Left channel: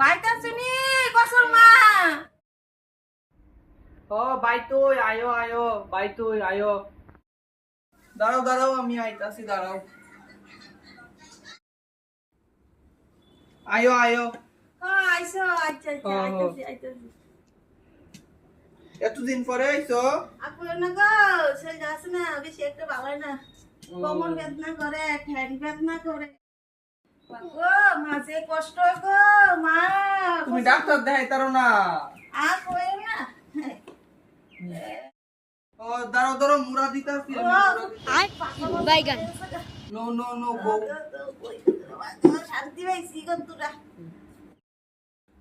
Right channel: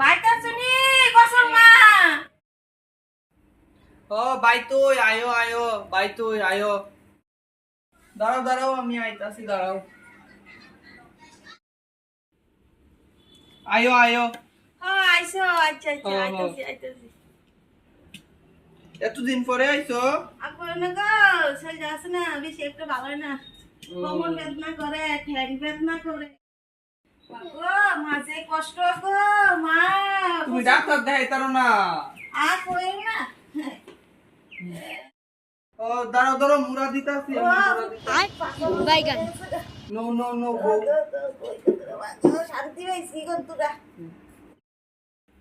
বাইটা শুনি কসর মা ও ভাই তুই আয়ো আয়ো ভাই তুই আয়ো দাঁড়াও দাঁড়াও আমি আইতাছি দাঁড়াও আয়ো আয়ো হ্যাঁ আইছো আচ্ছা আচ্ছা হ্যাঁ, হ্যাঁ। আইতাছি এতদিন পরে আইছো আপু না গো সেই যাস না বেশি একটা ভালো না কোমর বেদনা করে ঠ্যাং বেদনা করে গো মাঝে কষ্ট গো মা তুমি ডাক্তার দেখাইতারো না আর কইও না ও দাঁড়াও দাঁড়াও মুড়া দিতাছি আমি মুড়া দিতাছি। বাইগান নো নো নো গো শান্তি পাইছি গো তোরা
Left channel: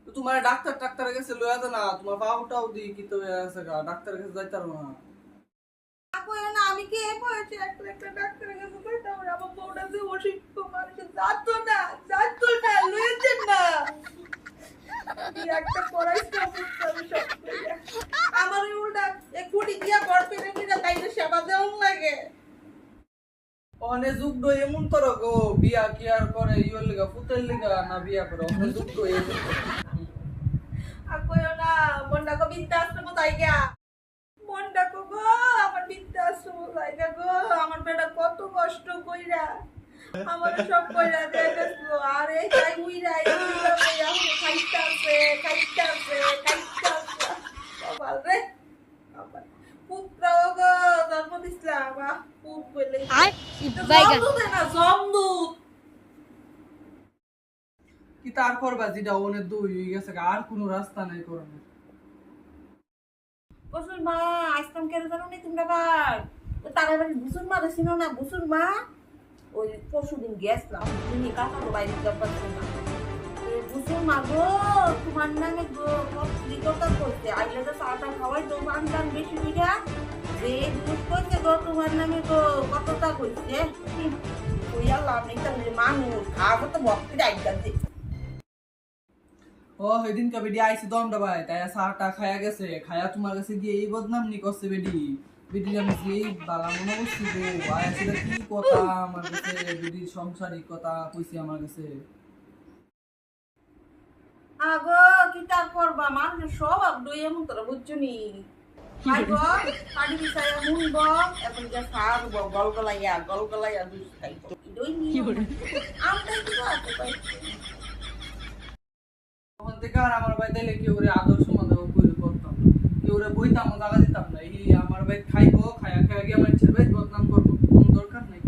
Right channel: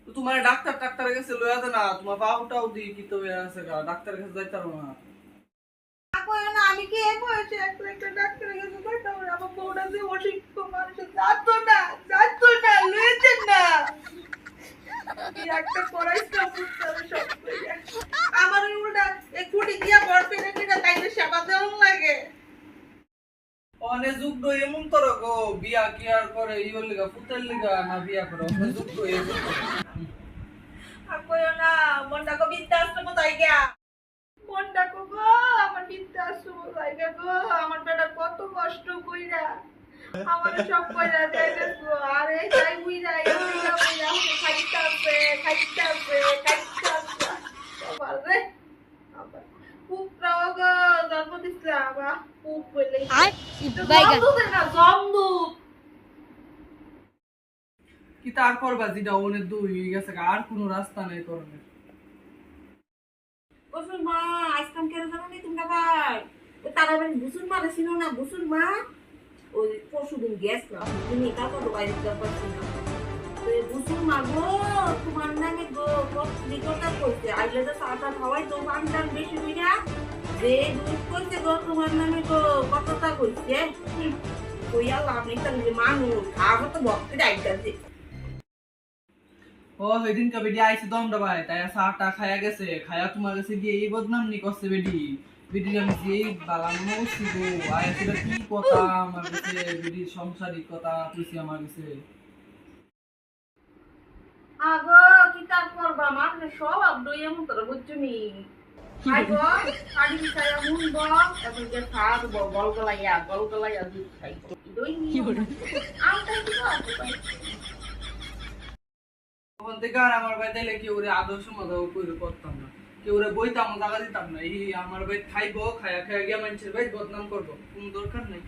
তো তোমার ডাক্তার টাক্তারের কাছে লইয়া দে না তোমার পাউটাও দি কি তো হয়ে আছে গা ডাক্তারের কাছে যাইতারো না কইও না আমি কি বলছি একটা ডাক্তারের কাছে কইতাম আমার বউটা যে অসুস্থ মানুষ যাতো না লইতে না কি একটা করাইছে আমার উল্টা এই কুটি দিয়া বড় পেনে কিনা তাইলে সেবা দেওয়ার লাগে অনে যুগ এমন তোর গো বিয়া কি আর করে ইওর লিগা পুতের লিগা না বিয়া করে অনে যুগ এমন আর কইও না মনটা গো বৃদ্ধাশ্রম জায়গা মনটা গো আমার বৃদ্ধাশ্রম জায়গা গো আমার বেটা কত কষ্ট কইরা আমার সব কইরা দেবে গো আরে যাই হইরা এই খাইতাছে বাবা রে আবার পুত্র গো জন্ম দিছলা বাবা পুত বলে আর বাইগান জমদূত কি তার করবা যেটা ওনে দুই গেছে গা, আর কোনো রাস্তা নাই করণের বসুন মা আসতাম কেন জানো নি তোমরা ভাই ওই তারা বাড়ি বুসুর মা ছিল না বুসুর মা ওই পরশুদিন গেছিলাম তুমি কাকা তো বাইরে বুসুর মা গো তোমার নামে গো কথা করছে আগে তো চাটা খাওয়াই তো পানটান বেশি হইয়া যে দুধ করছে গো তোমার নামে গো কথা কইছে কইয়া লাভ নেই যে মানুষ আগে তো ভক্তি ডাইকাছে ও সেদিন কা বেডি আইছে দমটা ভাই তাই চাটা খায়া গেছে খায়া তোমার কাছে গিয়ে এই বদনাম নি করছে বেডি বেডি আমি যে বালা মনে করছি গো আইছে কি কথা আমার কাছে বেডি সংসারিক কথা কইছি আমার কাছে আগো কি তার করবা মানুষ সব দই এমন তোরা বুঝছো নি আগো কাটি বিছায়া মুনব এখন যে খাদ গলগলাইয়া দুধ খাই দই নি আমটা কি করতে তখন থেকে আর আমার ভাই তাইলে কেউ রে আদর্শ মজাও করে করতাম না কেউ রে বইতাম জায়গা দিতাম না এই আমার ভাই খাইবো খায়া খায়া গিয়ে মানুষের ভাই বদনাম করবো কোনো দরকার নাই